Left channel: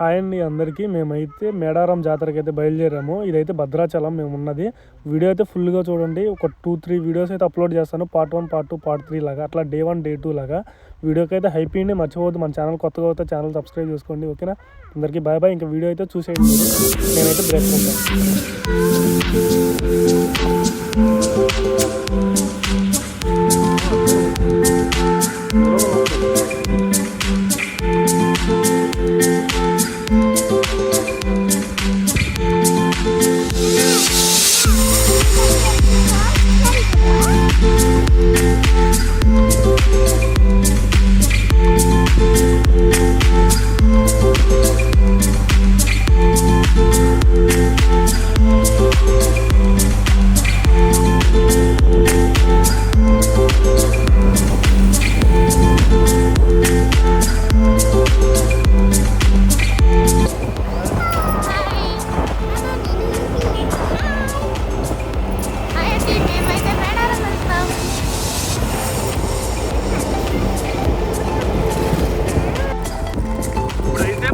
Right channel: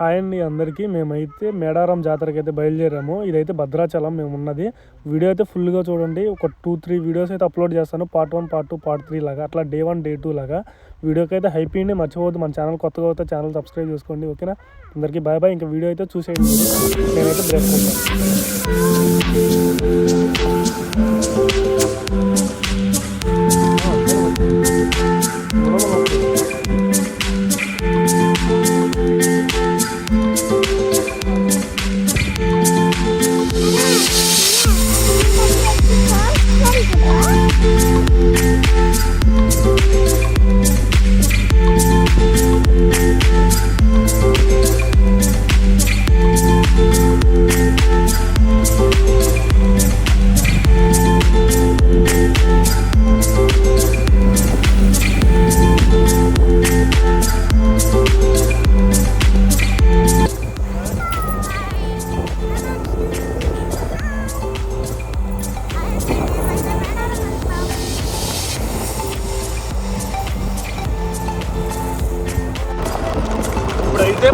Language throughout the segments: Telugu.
హాయ్ అండి అందరికీ. మేమైతే మేడారం జాతరకి అయితే బయలుదేరాము. ఇదైతే భద్రాచలం మేము ఉన్నది. వీడియో అయితే ఫుల్గా చూడండి. ఒక 2-3 వీడియోస్ అయితే అప్లోడ్ చేస్తాను. పార్ట్ 1, పార్ట్ 2, పార్ట్ 3 లాగా, అట్లా డే 1, డే 2 లాగా. వీడియోకి అయితే హైప్ ఇవ్వండి, మర్చిపోవద్దు. మన ఛానల్ కొత్తగా అవుతే ఛానల్ సబ్స్క్రైబ్ చేసుకోండి, ఓకేనా? అందరికీ బాయ్ బాయ్. ఇంకా వీడియో అయితే చూసేయండి. నేనైతే బ్రేక్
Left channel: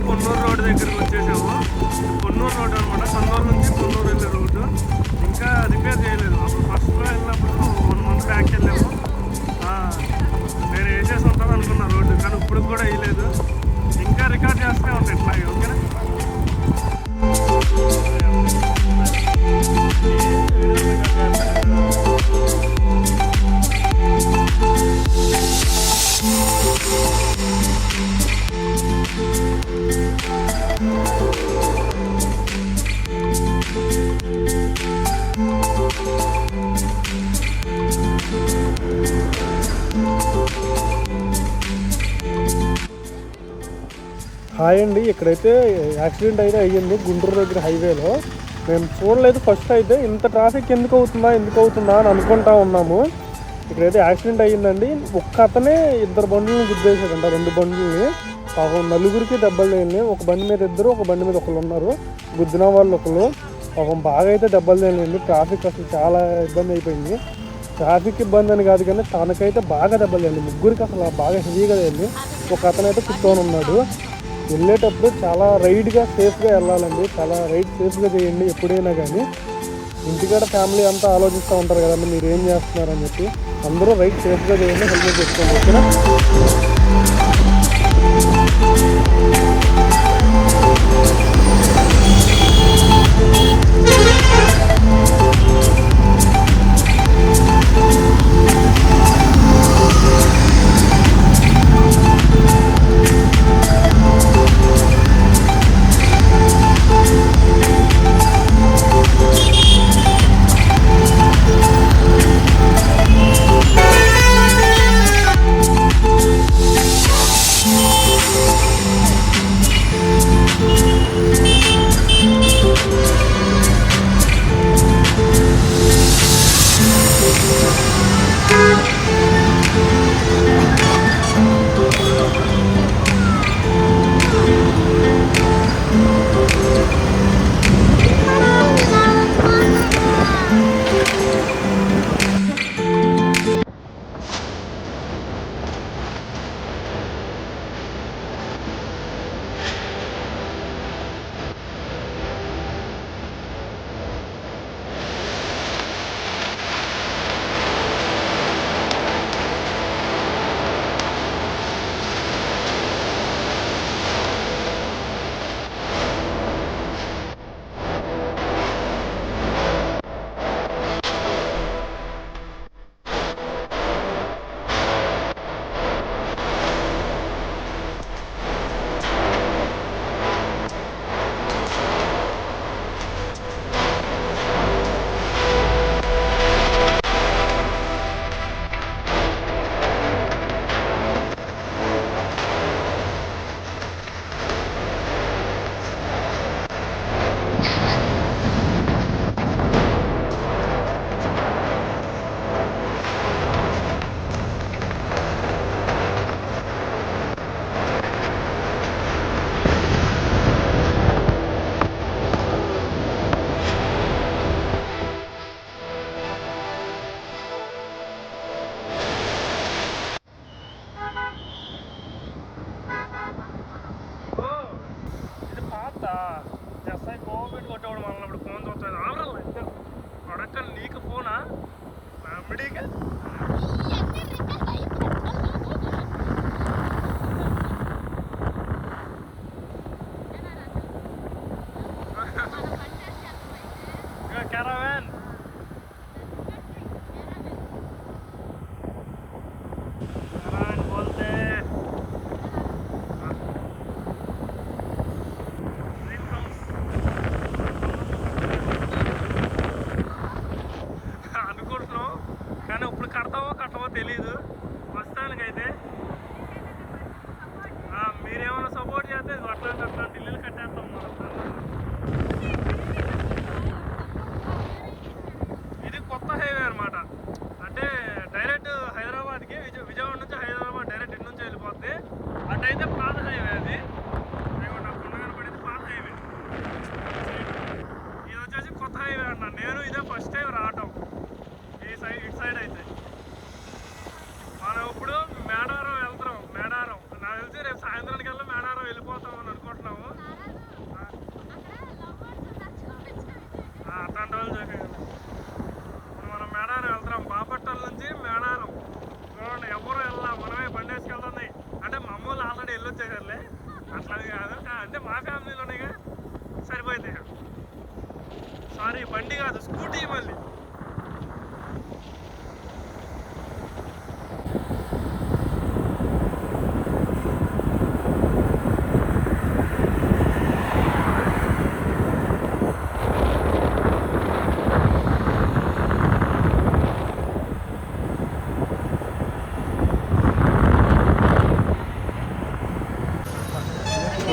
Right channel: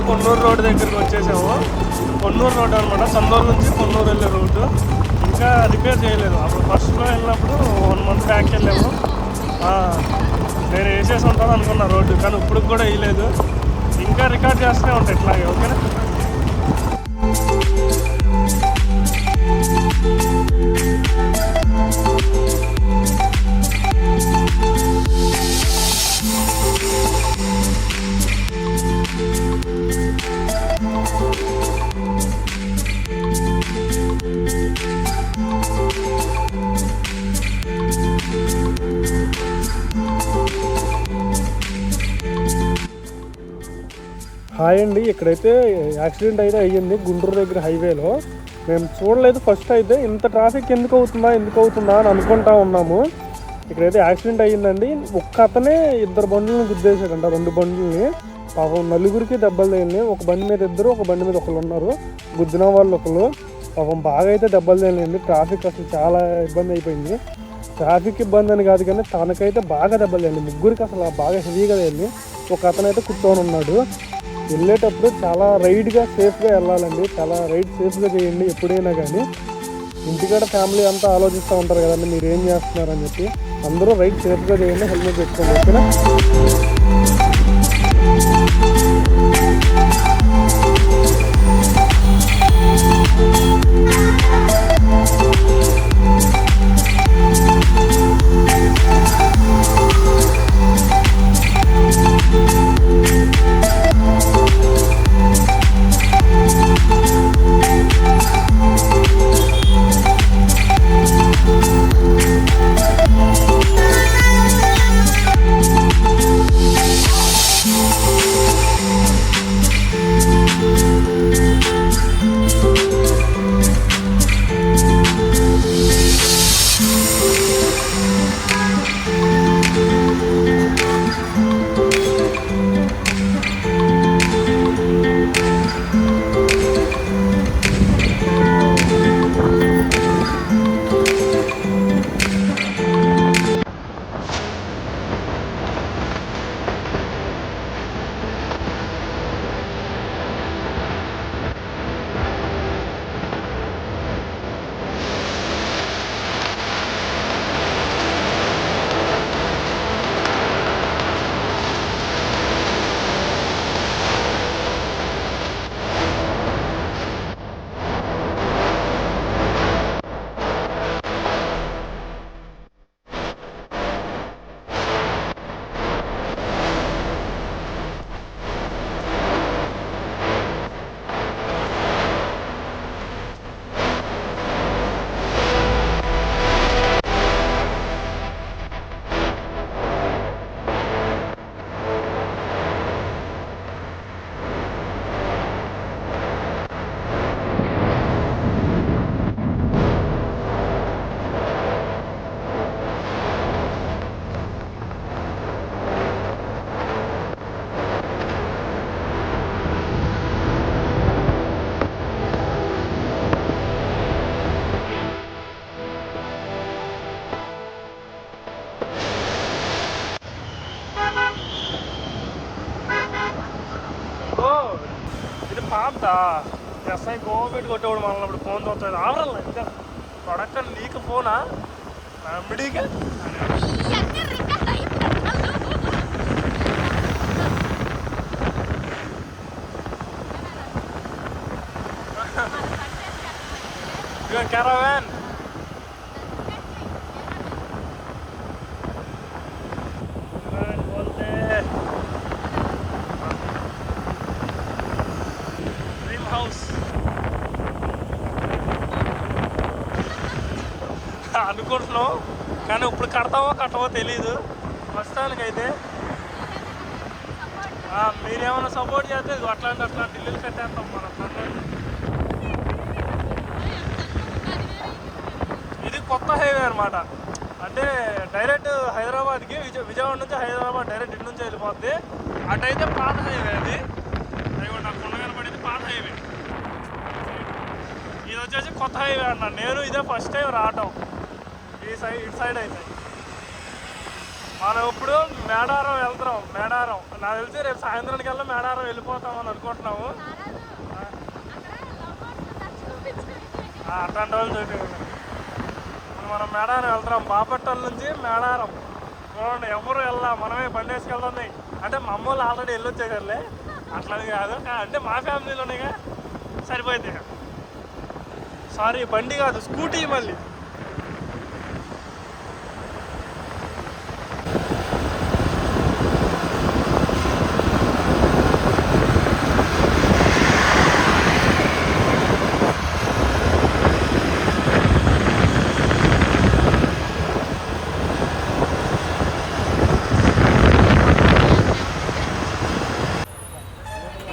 పొన్నూరు రోడ్ దగ్గరికి వచ్చేసాము. పొన్నూరు రోడ్ అనమాట, సందూరు నుంచి పొన్నూరు వెళ్ళే రోడ్డు. ఇంకా రిపేర్ చేయలేదు. అప్పుడు ఫస్ట్లో వెళ్ళినప్పుడు 1 month బ్యాక్ వెళ్ళాము. నేను వేసేసి ఉంటాను అనుకున్నా రోడ్డు, కానీ ఇప్పుడు కూడా వేయలేదు. ఇంకా రికార్డ్ చేస్తూనే ఉంటాయి ఇట్లాగే, ఓకేనా? హాయ్ అండి. ఇక్కడైతే యాక్సిడెంట్ అయితే అయ్యింది గుంటూరు దగ్గర హైవేలో. మేము చూడలేదు ఫస్ట్. అయితే ఇంత ట్రాఫిక్ ఎందుకు అవుతుందా అని అనుకుంటా ఉన్నాము. ఇక్కడైతే యాక్సిడెంట్ అయ్యిందండి. ఒక్క అతనే 2 బండ్లను గుద్దేశాడంట, 2 బండ్లని. పాపం నలుగురికి దెబ్బలు తగిలినాయి. ఒక బండి మీద 2, ఒక బండి మీద ఒకళ్ళు ఉన్నారు. గుద్దిన వాళ్ళు ఒకళ్ళు. పాపం బాగా అయితే దెబ్బలు తగిలినాయండి. ట్రాఫిక్ అసలు చాలా ఇబ్బంది అయిపోయింది. ట్రాఫిక్ ఇబ్బంది అని కాదు, కానీ తనకైతే బాగా దెబ్బలు తగిలింది. ముగ్గురికి అసలు బాగా హెవీగా తగిలింది. ఒక అతనైతే కూర్చొని ఉన్నాడు. వెళ్ళేటప్పుడు చాలా రైడ్గా సేఫ్గా వెళ్ళాలండి. చాలా రైడ్ సేఫ్గా చేయండి ఎప్పుడైనా కానీ. ఇంటికాడ ఫ్యామిలీ అంతా ఆలోచిస్తూ ఉంటారు కదండి, మీరు ఏం చేస్తున్నారని చెప్పి. అందరూ రైడ్ సేఫ్గా చేయండి, హెల్మెట్ పెట్టుకోండి, ఓకేనా? ఆపుతా ఎస్ఐ గోపెట్టి కొట్టేవాడు మళ్ళీ ఇప్పుడు ఫోన్ చూస్తుంది ఆవరల్లా ఇంకా ప్రొడక్ట్ నీకు ఫోనా మిడిగా caravan बोलते ड्रीम हाउस అనుకుంటున్నాం కానీ ఇప్పుడు కడతావో కట్టవో తెలీదు ప్రస్తుతానికైతే మీరేమైనా సపోర్ట్ చేస్తే అట్లాంటి ఇల్లులు కట్టేస్తాం మనం ఇది కొత్త హైవే అనమాట అంటే డైరెక్ట్ హైదరాబాద్కి విజయవాడ నుంచి హైదరాబాద్ డైరెక్ట్ ఇటు నుంచి వెళ్ళిపోద్ది అటైతే పాత హైవే అది నాకు కొండ కనపడేది పాత హైవే ఇది వచ్చేసి కొత్త హైవే అన్నాను నేను ఇదే ఫస్ట్ టైం రావటం ఇటు సైడ్ అయితే మనం ఇప్పుడు మేడారం వెళ్తున్నాం మేడారం నాకు తెలిసి రేపు సాయంత్రానికి వెళ్ళి మేడారం వెళ్ళిపోతాం అని అనుకుంటున్నాము అట్లాంటి వాళ్ళు చూపి ఇప్పుడు మనం మేడారం వెళ్తున్నాం బాపట్ల నుంచి మేడారం చూడండి ఎవరు వెళ్ళా మనమే బండి వేసుకెళ్తుంది అంటే మా అమ్మ వాళ్ళు ఆల్రెడీ వెళ్ళొచ్చేసారులే అట్లా కాదు అంటే మా ఫ్యామిలీలోనేగా సరిపోయింది సారీ బండి కాదు స్కూటీ మళ్ళీ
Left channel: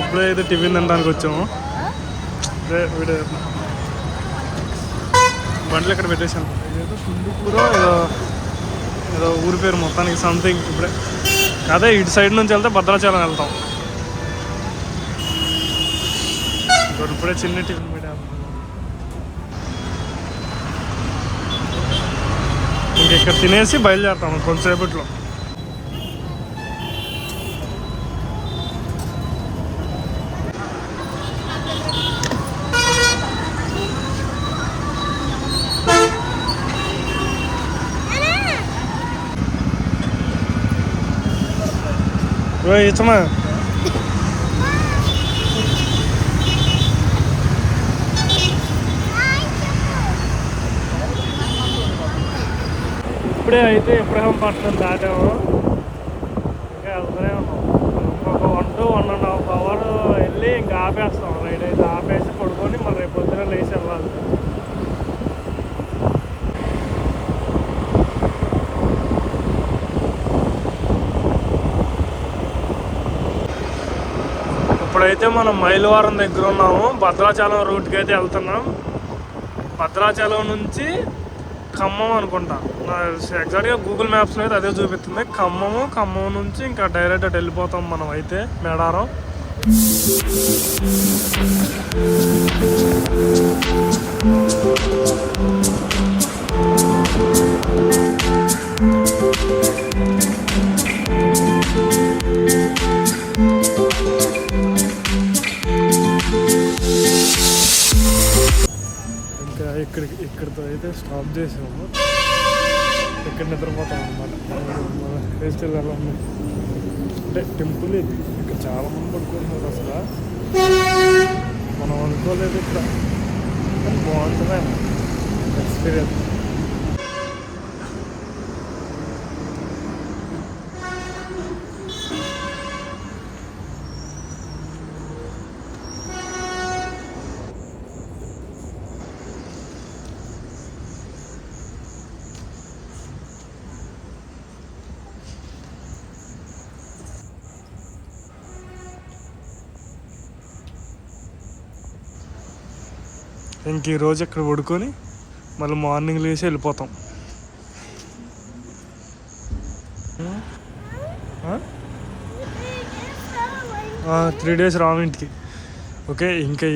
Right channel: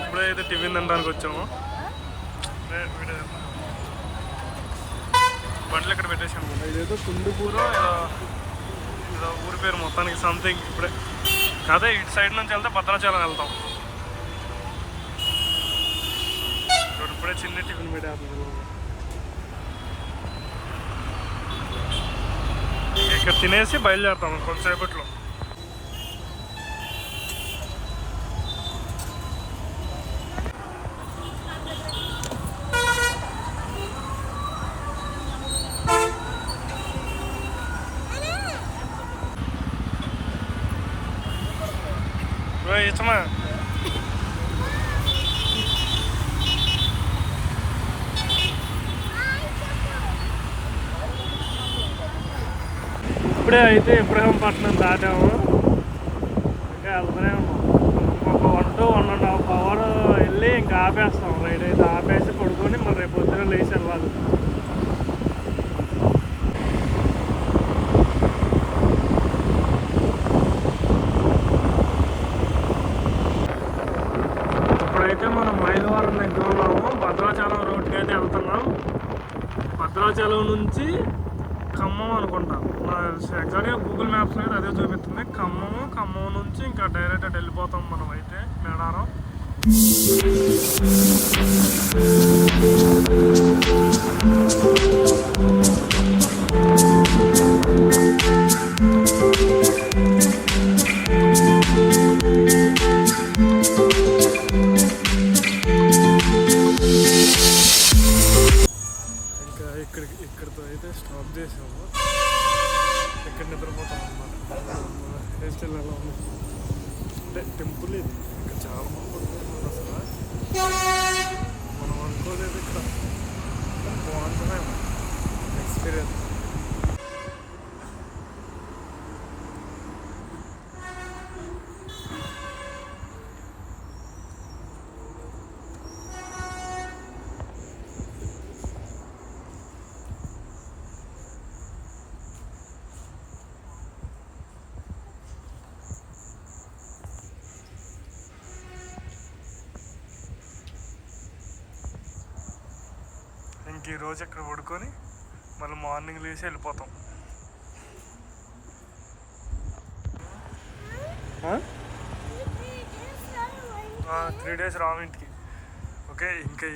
ఇప్పుడైతే టిఫిన్ తినడానికి వచ్చాము వీడియో బండ్లు ఇక్కడ పెట్టేసాను ఇదైతే కుందుకూర ఏదో ఊరి పేరు మొత్తానికి సంథింగ్ ఇప్పుడే అదే ఇటు సైడ్ నుంచి వెళ్తే భద్రాచలం వెళ్తాం ఇప్పుడే చిన్న టిఫిన్ పెట్టాము ఇంకెక్కడ తినేసి బయలుదేరుతాము కొంతసేపట్లో ఇచ్చమా ఇప్పుడే అయితే ఇబ్రహీంపట్నం దాటాము ఇంకా వెళ్తూనే ఉన్నాం ఒక 1-1.5 అవర్ వెళ్ళి ఇంకా ఆపేస్తాం రైడ్ అయితే ఆపేసి పడుకొని మరి రేపు పొద్దున లేచి వెళ్ళాలి ఇప్పుడైతే మనం మైలవరం దగ్గర ఉన్నాము భద్రాచలం రూట్కి అయితే వెళ్తున్నాం భద్రాచలం నుంచి ఖమ్మం అనుకుంటా ఎగ్జాక్ట్గా గూగుల్ మ్యాప్స్లో అయితే అదే చూపిస్తుంది ఖమ్మం నుంచి ఇంకా డైరెక్ట్ అటు వెళ్ళిపోతాం మనం అయితే మేడారం ఇంకా ఇక్కడితో అయితే స్టాప్ చేసాము ఇక్కడ నిద్రపోతాం అనమాట మన హెయిర్ స్టైల్ ఎలా ఉన్నాయి అంటే టెంపుల్ ఇది ఇక్కడ చాలామంది పడుకుంటున్నారు అసలు మనం అనుకోలేదు ఇక్కడ కానీ బాగుంటుందేమో ఎక్స్పీరియన్స్ ఇంక ఈరోజు ఇక్కడ పడుకొని మళ్ళీ మార్నింగ్ లేచి వెళ్ళిపోతాం 3 days రాము ఇంటికి ఓకే ఇంకా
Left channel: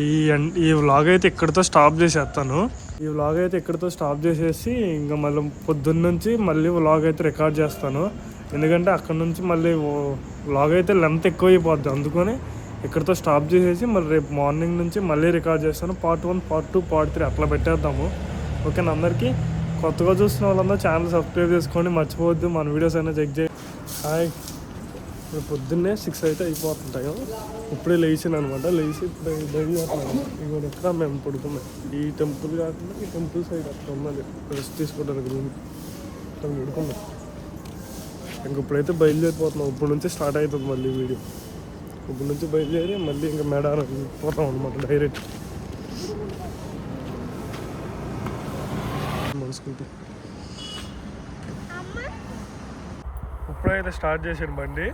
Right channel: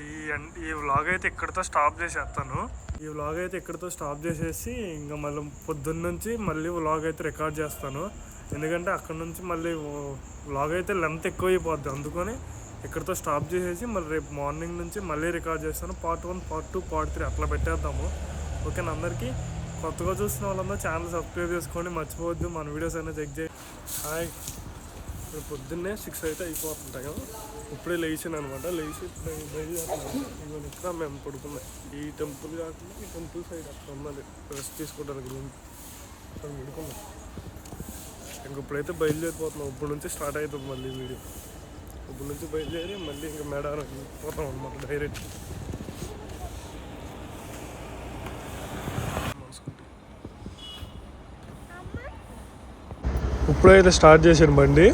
ఈ వ్లాగ్ అయితే ఇక్కడితో స్టాప్ చేసేస్తాను ఈ వ్లాగ్ అయితే ఇక్కడితో స్టాప్ చేసేసి ఇంకా మళ్ళీ పొద్దున్న నుంచి మళ్ళీ వ్లాగ్ అయితే రికార్డ్ చేస్తాను ఎందుకంటే అక్కడ నుంచి మళ్ళీ వ్లాగ్ అయితే లెంత్ ఎక్కువ అయిపోద్ది అందుకని ఇక్కడితో స్టాప్ చేసేసి మళ్ళీ రేపు మార్నింగ్ నుంచి మళ్ళీ రికార్డ్ చేస్తాను. పార్ట్ 1, పార్ట్ 2, పార్ట్ 3 అట్లా పెట్టేద్దాము. ఓకేనా? అందరికీ కొత్తగా చూస్తున్న వాళ్ళందరూ ఛానల్ సబ్స్క్రైబ్ చేసుకోండి, మర్చిపోవద్దు. మన వీడియోస్ అయినా చెక్ చేయండి. హాయ్, ఇప్పుడు పొద్దున్నే 6 అయితే అయిపోతుంటాయి. ఇప్పుడే లేచాను అనమాట. లేచి ఇప్పుడు బయలుదేరుతున్నాను. ఇవాళ ఎక్కడ మేము పడుకున్నాం ఈ టెంపుల్ కాకుండా ఈ టెంపుల్ సైడ్ అక్కడ ఉన్నది రెస్ట్ తీసుకోవడానికి రూమ్, అక్కడ పడుకున్నాం. ఇంక ఇప్పుడైతే బయలుదేరిపోతున్నాం. ఇప్పుడు నుంచి స్టార్ట్ అవుతుంది మళ్ళీ వీడియో. ఇప్పుడు నుంచి బయలుదేరి మళ్ళీ ఇంకా మేడారం వెళ్ళిపోతాం అనమాట డైరెక్ట్. మన స్కూటీ ఇప్పుడైతే స్టార్ట్ చేశాను బండి.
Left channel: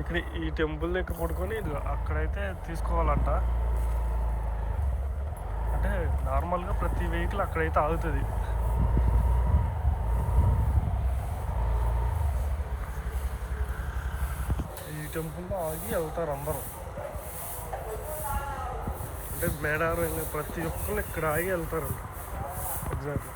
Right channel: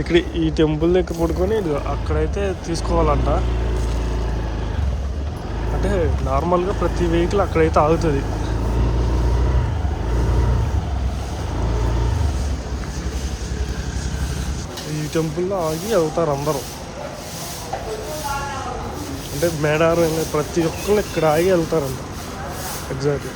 ఇక్కడ ఈ టెంపుల్ దగ్గర పడుకొని అక్కడైతే తీసుకోవాలంట. అంటే నార్మల్గా ప్రతి వెహికల్ అక్కడైతే ఆగుతుంది. ఈ టెంపుల్లో ఆగి వెళ్తారు అందరూ. అంటే మేడారం ప్రతి ఒక్కరు ఇక్కడ ఆగి వెళ్తారంట. ఎగ్జాక్ట్లీ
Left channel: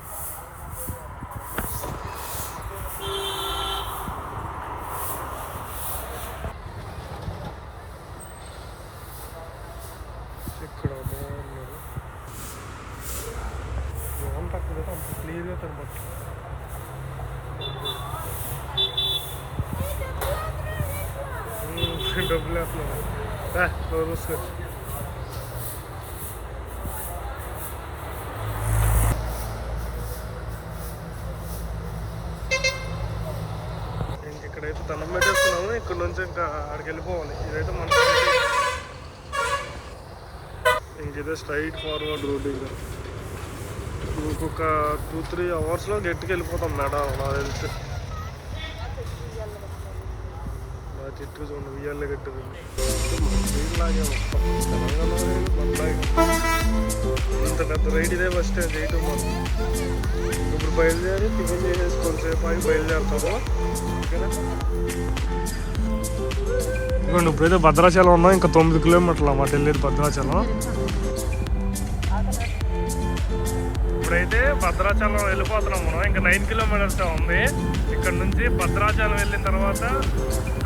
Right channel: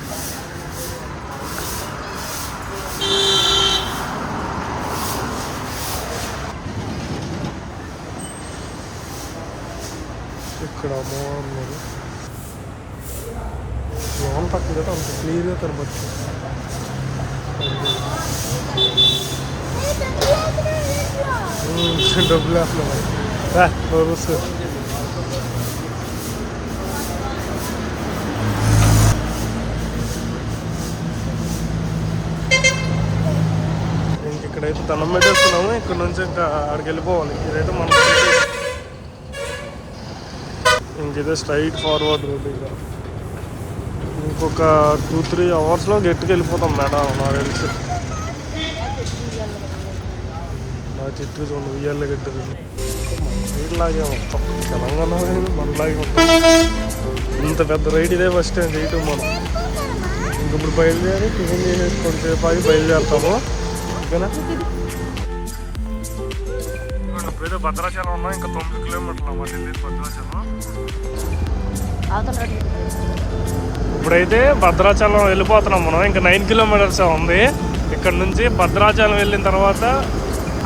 ఇక్కడ అమ్మవారు లోన్ తక్కువ కదా, అంత క్లియర్గా కనబడుతుంది. డబ్బులు వేస్తున్నాయి సార్. ఇక్కడైతే దండం పెట్టేస్తున్నాము. ఇక్కడ నుంచి ఇంకా అక్కడికి వెళ్ళిపోవాలి. ఇదైతే మన ఇంకైతే స్ట్రైట్ ఫార్వర్డ్ రోడ్. ఇక ఇంకొక 2-3 అవర్స్లో గట్టికి వెళ్ళిపోతాం మేడం. నాకు తెలిసి నా చెట్టు చూడండి ఉయ్యాలే గట్టి రైడ్లాగే మొత్తం తెలంగాణ మనలాగే మొత్తం. ఇంత పెద్ద రైడ్ ఇదే ఫస్ట్ టైం చేయటం మనం. ఇంకప్పుడు బయలుదేరి టిఫిన్ చేసేసి కొంతసేపు ఆగి బయలుదేరుతాము. ఓకేనా? ఇదిగోండి ఇప్పుడైతే భద్రాచలం ఉన్నాం. ఇంకా 9 కిలోమీటర్లు అన్నమాట వెళ్ళేది భద్రాచలం. ఇప్పుడైతే భద్రాచలం వెళ్ళిపోతున్నాం మనం. ఇంకా 9 కిలోమీటర్స్ ఉంది ఇక్కడ నుంచి. భద్రాచలం వెళ్ళిన తర్వాత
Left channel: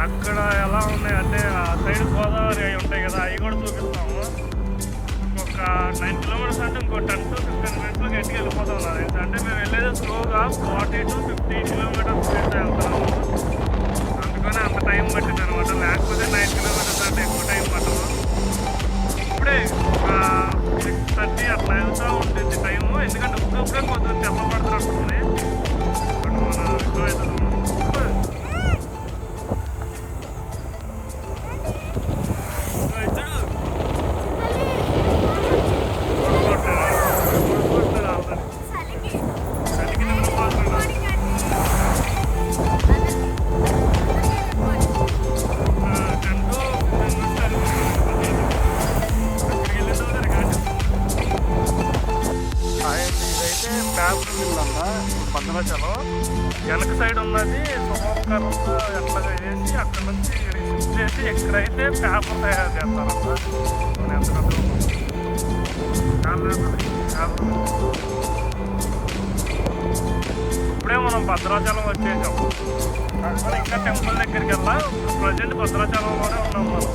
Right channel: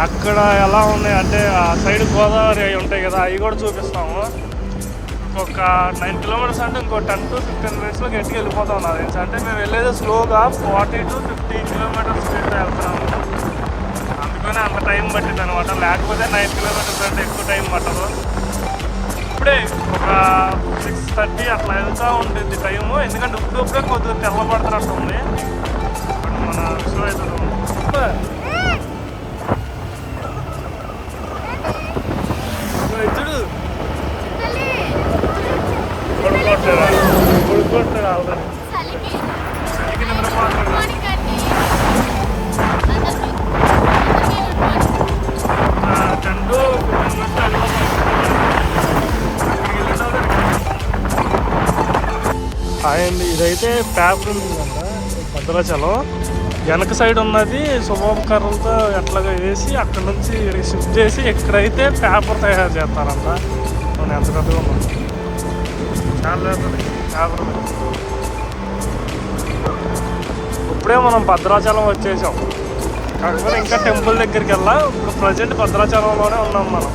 అక్కడ ఎలా ఉన్నాయి అంటే ఆ సైడ్ గోదావరి అవి ఉంటాయి కదా, అవి కూడా చూపిస్తాము. ఇంకొక 9 కిలోమీటర్స్ అంటే ఇంకో 10 to 15 మినిట్స్లో గట్టిగా వెళ్ళిపోతాం. నాకు తెలిసి అంటే మేము వెళ్ళేది స్లోగా 40 to 50 కిలోమీటర్స్ వెళ్తున్నాము. అందుకనే అంత టైం పట్టింది అనమాట. లేకపోతే 9 కిలోమీటర్స్ అంటే ఎక్కువ టైం పట్టదు. ఇప్పుడే ఒక 6:30 అట్లా వెళ్తూ ఉంటుంది టైము. ఎందుకంటే ఇప్పుడే కొద్దిగా తెల్లబడుతున్నట్టు ఉంది. మన షో అవుతుంది. పడుకోవట్లేదు ఆల్రెడీ. అండ్ ఇదైతే పేపర్ ఉందంట భద్రాచలం. వెనక సైడ్ ఉన్నది శుభకరంతో ఎట్లాగా వేసి అక్కడ నుంచి షిఫ్ట్ చేసి ఇక్కడైతే పేపర్ తయారు చేస్తారంట. మనం ఎంత పెద్దగా ఉన్నాం చాలా పేపర్. ఇప్పుడే మనం భద్రాచలం వచ్చేసాం. కాకపోతే ఇంకా టెంపుల్ దగ్గరికి వెళ్ళాం. ఇప్పుడు ప్రజెంట్ భద్రాచలంలోనే ఉన్నాం మనం.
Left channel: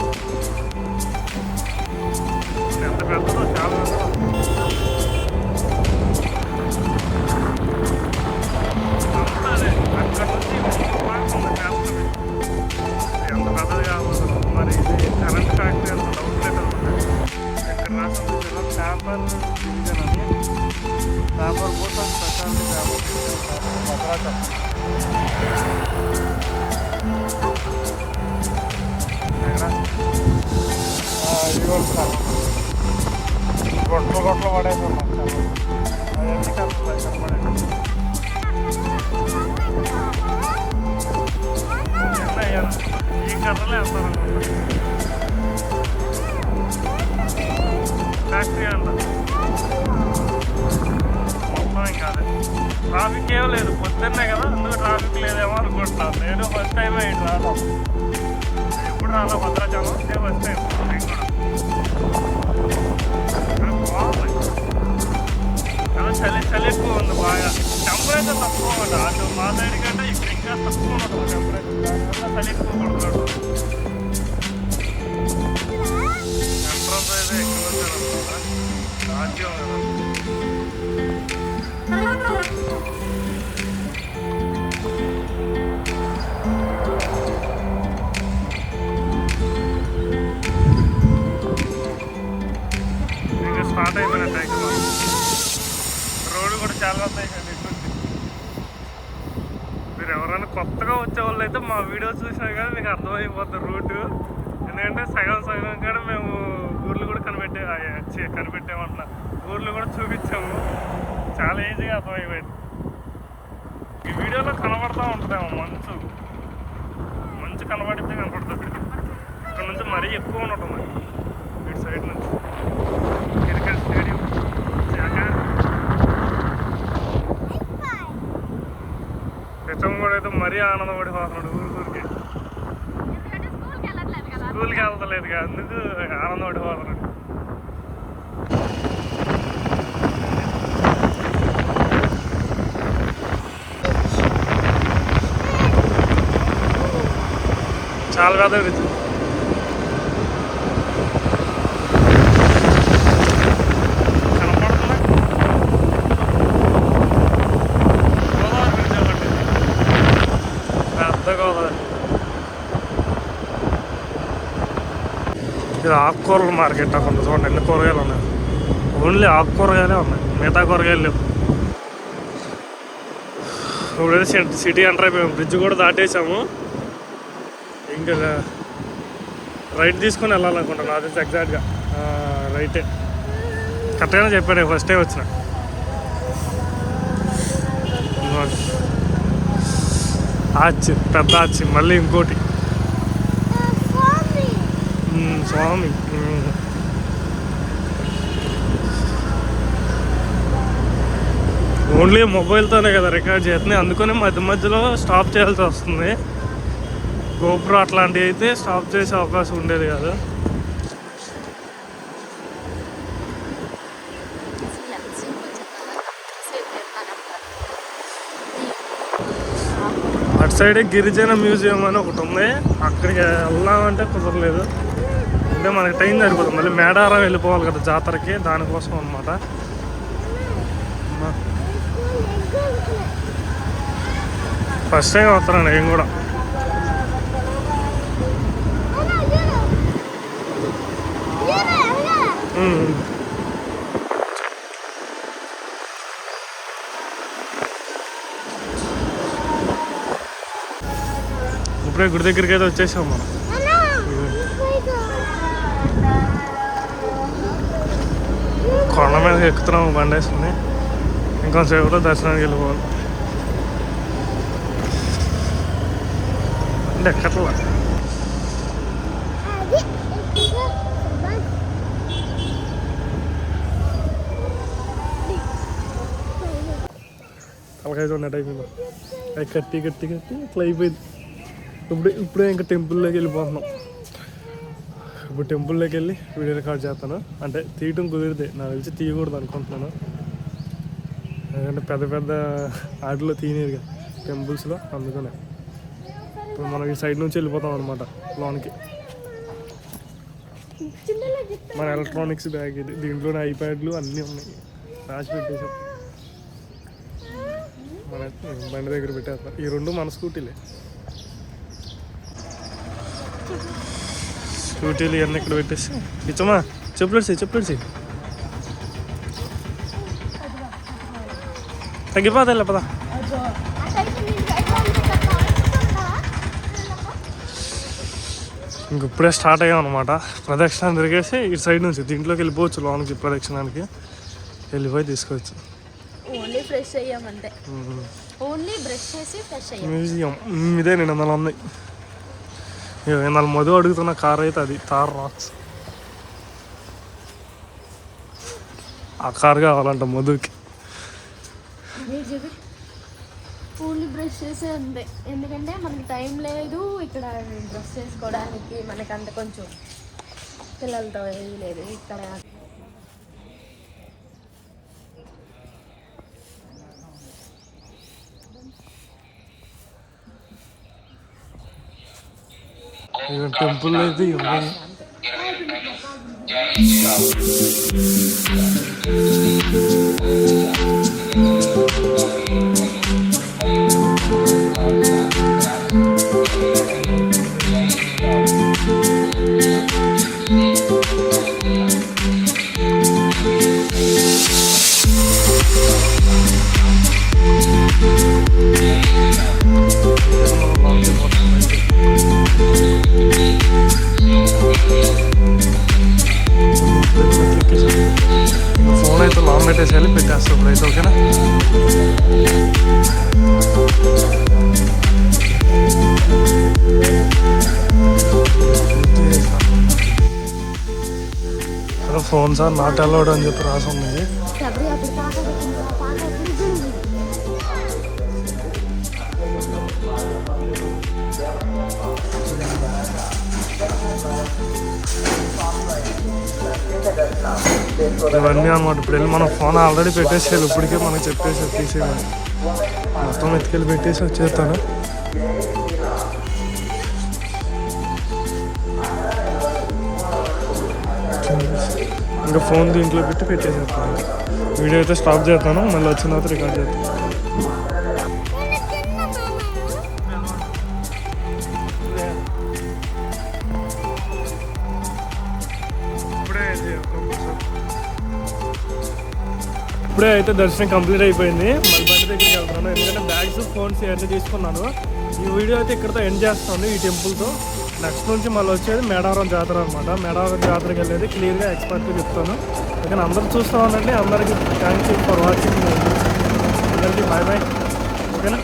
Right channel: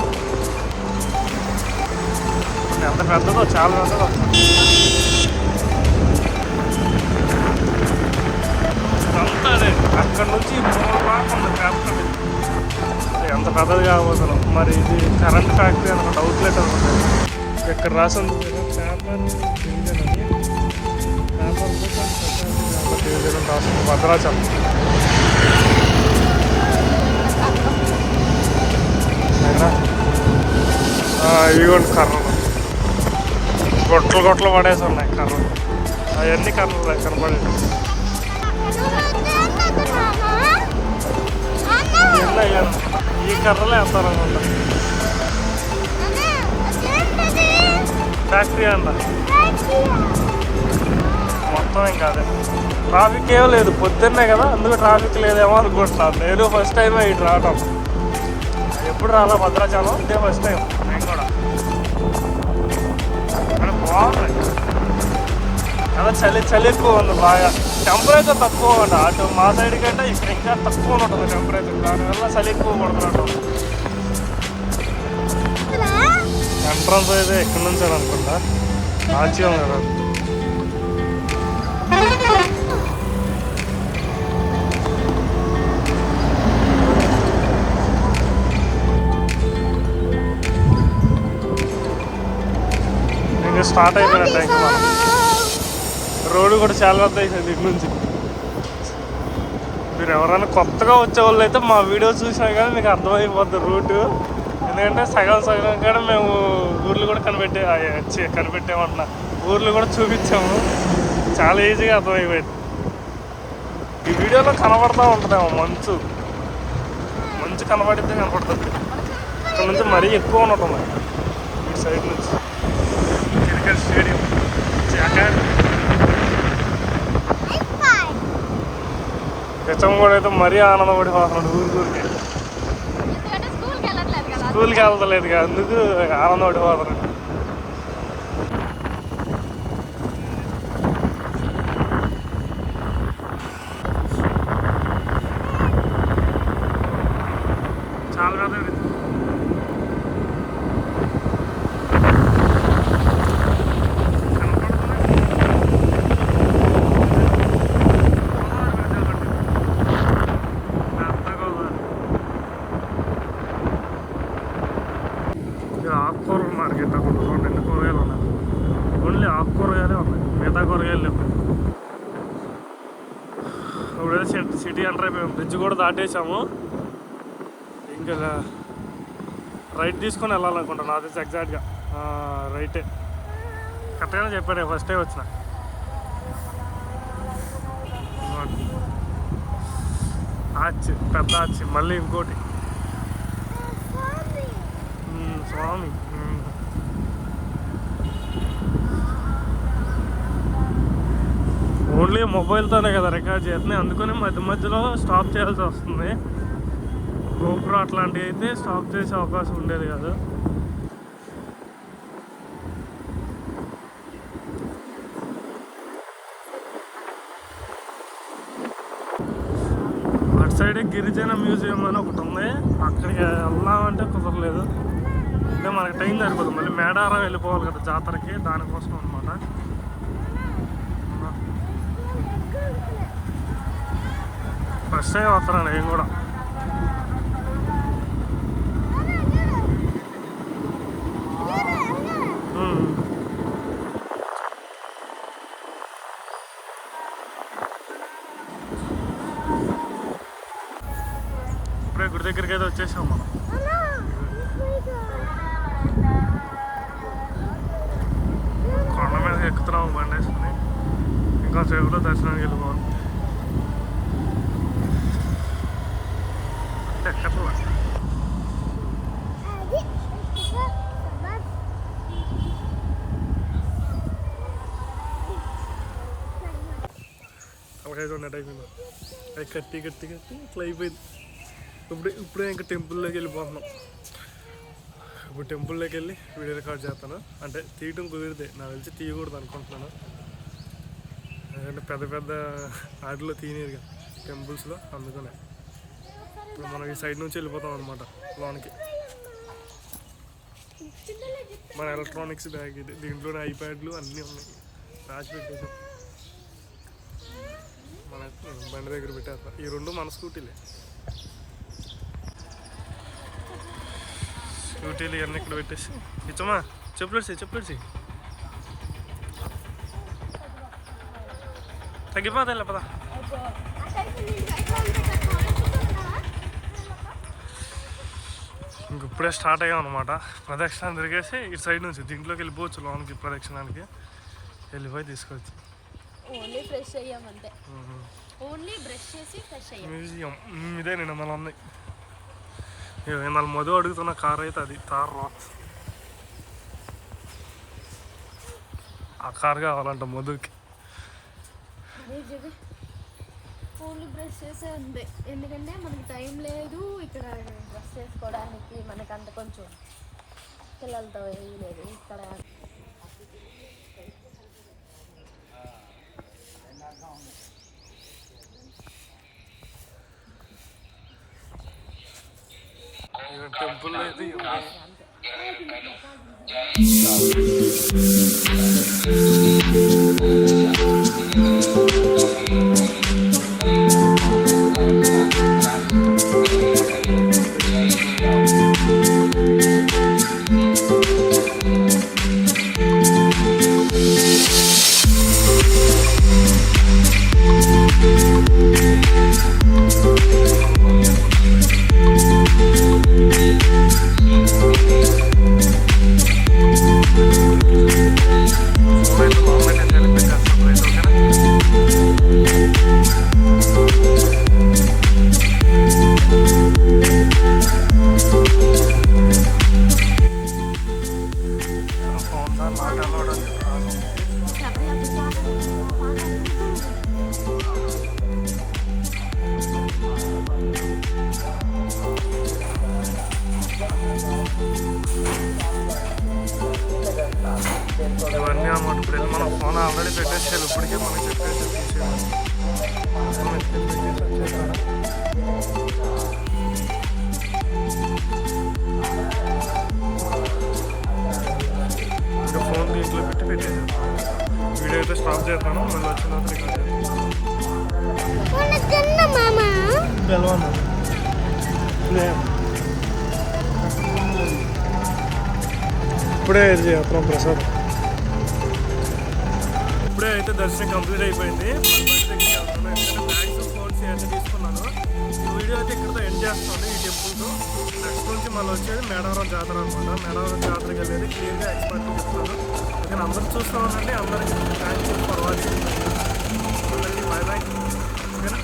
ఎంత పెద్దదో చాలా పెద్దదో. అంతా అదే అక్కడ నుంచి ఎంత పెద్దది కాబోతున్నాం. మరి ఇది కరెంట్ ఫ్యాక్టరీ అనమాట, అవుట్లెట్ అనమాట. ఇక్కడ రాసి భద్రాచలం. ఇదిగోండి కర్రలు గొట్టలు పడేసి ఉన్నాయి. కర్రలు అవన్నీ కర్రలు కనపడేది. ఈ కర్రలే వేస్తారనమాట. ఫ్యాక్టరీ అన్న మొత్తం ఇంకా అదే. ట్రాఫిక్ ఏం లేదు, పొద్దున్నే కదా, అందుకు ట్రాఫిక్ లేదేమో అనుకుంటున్నాను. నేను ఫస్ట్ టైం ఇటు రావడం. ఎప్పుడు రాలా భద్రాచలం, ఇదే ఫస్ట్ టైం నేను కూడా. ఇక్కడ బాగుంది కదా, చలి ఎక్కువ ఉంది బాగా. టెంపరేచర్ తక్కువ ఉంది. అటు మా సైడ్ కంటే ఇక్కడ ఇంకా తక్కువ ఉంటుంది టెంపరేచర్. దానివల్ల చలి ఎక్కువ పడుతున్నాడు. ఎంట్రన్స్ అయితే ఎక్కడి నుంచి అనుకుంటా ఆశ్చర్యం కదా. ఇంకా స్టార్ట్ అయిపోయినట్టు ఇంకా మనం రోడ్డు కూడా చాలా పెద్ద అయిపోయింది ఇటు నుంచి. మీరు ఎవరైనా కొత్తగా వచ్చే వాళ్ళు అయితే మా వీడియో చూసినా కానీ మీకు అర్థమైపోద్ది రూటు. ఎందుకంటే సగం సగం కూడా మేము ఊర్లు కూడా కనిపెట్టామంటున్నా, ఊర్లు కూడా చూపించాము. చాలా ఈజీగా అర్థమైపోయింది. ఈ వీడియోలో కనబడతా ఉంటుందేమో మంచు కనబడితే కనపడుతుంది. ఇక్కడ నుంచి మరీ ఎక్కువ ఉన్నట్టుంది ఇటు సైడ్ నుంచి. క్రికెట్ స్టేడియం హెచ్ఎం కూడా అయితే మరీ ఆనందపడిపోతున్నాడు ఊరికి. స్కూల్కి వెళ్తలేదు కదా, అందుకు ఆనందపడిపోతున్నాడు. చాలా పెద్ద బ్రిడ్జ్. కనపడుతుందా గోదావరి బ్రిడ్జ్ ఒకటి, పెద్ద గోదావరి. ఇది ఆకుకూరల మార్కెట్. అక్కడ చూడండి ఎన్ని కూరగాయలు ఉన్నాయి. ఓన్లీ ఆకుకూరగాయలే ఉన్నాయి, మిగతా కూరగాయలు లేవు. ఇప్పుడైతే సిటీ ఎంటర్ అయిపోయాము. బ్రిడ్జ్ కూడా దాటేసాము. ఇంకా రైట్ తీసుకొని వెళ్ళాలనుకుంటాను. అది ఎగ్జాక్ట్గా రైటే కరెక్ట్గానే చెప్పాను. ఫస్ట్ టైం వచ్చిన ఆర్చ్, పెద్ద ఆర్చ్. మళ్ళీ ఇంకోటి స్వామి. ఓన్లీ మొబైల్తోనే కదా రికార్డ్ చేస్తున్నాయి, అందుకని మధ్యలో స్టాప్ చేయాల్సి వస్తుంది. గోప్రో అట్లాంటివి అయితే స్టాప్ చేసే అవకాశం ఉండేది కాదు. అటు సైడే గిరిజన మ్యూజియం అని ఒకటి ఉంది, అక్కడికి వెళ్దామంటే కుదరలేదు. అంటే మనకి టైం సరిపోతుంది. మళ్ళీ మేడారం వెళ్ళిపోవాలి కదా జాతరకి, దానికోసం అనమాట. ఫస్ట్ టైం వస్తాను నేను కూడా. ఇప్పుడే గుడి దగ్గరికి అయితే వచ్చేసాం మనం. కొండ మీద ఎక్కుతున్నాము బండి వేసుకుని. ఇంకొంచెంసేపులో దర్శనానికి వెళ్ళిపోవాలి. బండి ఎక్కట్లా. తలకాయ చూడండి అయిపోయిందా, అది కట్టి ఇట్లా అయిపోయింది. ఇప్పుడే ఇంకా టెంపుల్లోకి వెళ్ళిపోతున్నాం. ఇప్పుడు టెంపుల్లోకి వెళ్ళి వీడియో రికార్డ్ చేస్తాను. అంటే తీయటం కుదిరితే, నాకు తెలిసి తీయకూడదు అనుకుంటున్నాను. ఎందుకంటే పెద్ద ఆటలో తీయలేదు కదా టెంపుల్స్లో, అందుకనే. ఇప్పుడు మనం ఈ సైడ్ నుంచి వెళ్ళిపోతాం అనమాట లోనికి. మన ఎలక్ట్రానిక్స్ బ్యాగ్ ఇది. దీంట్లోనే ఐప్యాడ్లు అన్నీ ఉన్నాయి, రాసి పెట్టేసాం. మన బండి దగ్గర పెట్టేస్తాం. ఈ రెండు మన స్కూటీలే. స్కూటీలు ఇవన్నీ ఇక్కడ పెట్టేసి ఇచ్చమ్మా. చెప్పులేసి తగ్గిపోతాయి పదా. ఇంక ఇప్పుడే స్టార్ట్ అయ్యాం అనమాట. ప్రదక్షిణ తిరిగేసి ఇటు సైడ్ నుంచి దీంట్లోకి వెళ్ళిపోవచ్చు లోనికి. ప్రదక్షిణానికి వెళ్ళిపోయి తీసుకోవచ్చు. మ్యూజియం ఇదే నేను మన ఉన్నాయి. నాలుగు మధు అడుగుతున్న కార్ అయితే అది తార్ రాక్స్. ఆ కార్ కావాలంట మధుకి. ఓన్లీ బ్రష్ చేసే ఉంది, ఎందుకంటే మనకి టైం లేదు ఇక్కడ బ్రష్ చేసుకోవడానికి. మనకి అంత కొంచెం పిల్లలతో ఏది లేదు ఇక్కడ. టెంపుల్ అయితే ఉన్నాయి. ఫోన్ అయితే లాంగ్ పెట్టేసేయాలి, పెట్టేస్తాం రైట్. ఓకేనా? ఫోన్స్ ఆర్ నాట్ అలౌడ్ అని చెప్పి రాసి ఉంది. ఇవన్నీ అనమాట. ఇప్పుడు వెళ్ళి మనం ఫోన్ ఆల్రెడీ పెట్టేసేయాలి, ఇప్పటికే మనకు చెప్పేసి తీసేయాలి. మొత్తం ఎత్తుకెళ్ళి పెట్టేసి వచ్చేస్తాను. ఇంకా ఫోన్ దీంట్లో పెట్టి పెట్టేసేస్తాను. వీడియో అయితే స్టాప్ చేస్తాను, మళ్ళీ వచ్చిన తర్వాత రికార్డ్ చేస్తాను. ఇప్పుడే చేస్తాం ప్రసాద్. ఇప్పుడే అయితే దర్శనం కంప్లీట్ అయిపోయింది. మళ్ళీ బండి దగ్గరికి వెళ్తాను, ఎందుకంటే బ్యాగ్స్ ఫోన్స్ అన్నీ తీసుకున్నాను. ఈ వీడియో అయితే ఇక్కడతో ఎండ్ చేస్తాను ఈ టెంపుల్తో. నెక్స్ట్ నుంచి మళ్ళీ వచ్చేది మేడావరం జాతర అనమాట. మేడావరం జాతరకి వెళ్ళేది క్లియర్గా ఎక్స్పర్ట్గా చెప్తాను. ఓకే, అందరూ చూస్తూ ఉండండి. అందరికీ థ్యాంక్ యూ ఫర్ వాచింగ్. అందరికీ బాయ్ బాయ్. ఓకేనా?